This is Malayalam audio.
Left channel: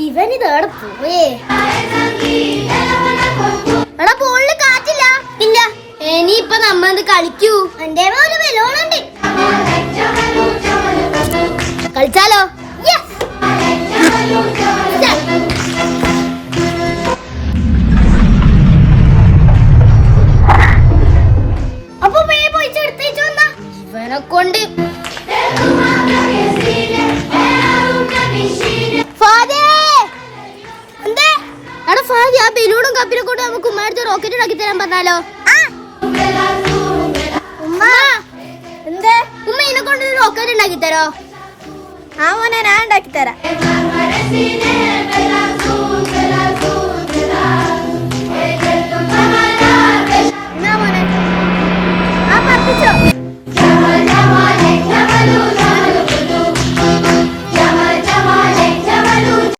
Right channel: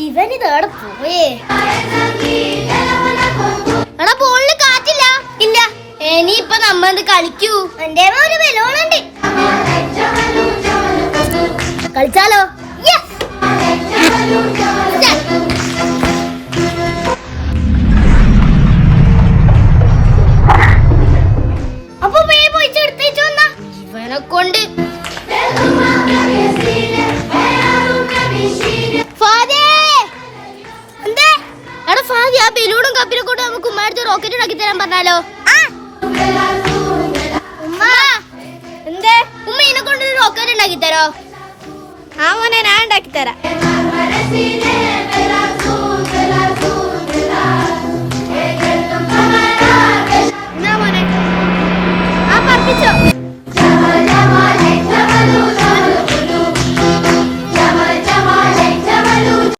ഇവനിതേടെ പോയേ. എടാ ബോളില് കാറ്റില്ല. ഇല്ല. ഇനിയിപ്പൊ നമ്മ കളിക്കൂ. എന്റെ ഒരു ബലൂണുണ്ട്. കളിച്ചാലോ? അപ്പൊ ഇവനെ കൊണ്ട് ആ ബലൂണും കപ്പിനെ കൊണ്ട് നമുക്ക് ഉമ്മടുത്ത് റോക്കറ്റ് ഉണ്ടാക്കി തരാൻ പറഞ്ഞാലോ? ഉമ്മ എന്തേ? ഉമ്മ ഇതിനെ കൊണ്ട് റോക്കറ്റ് ഉണ്ടാക്കി തരോ? ആ മോനെ ഞാൻ ഉണ്ടാക്കി തരാം.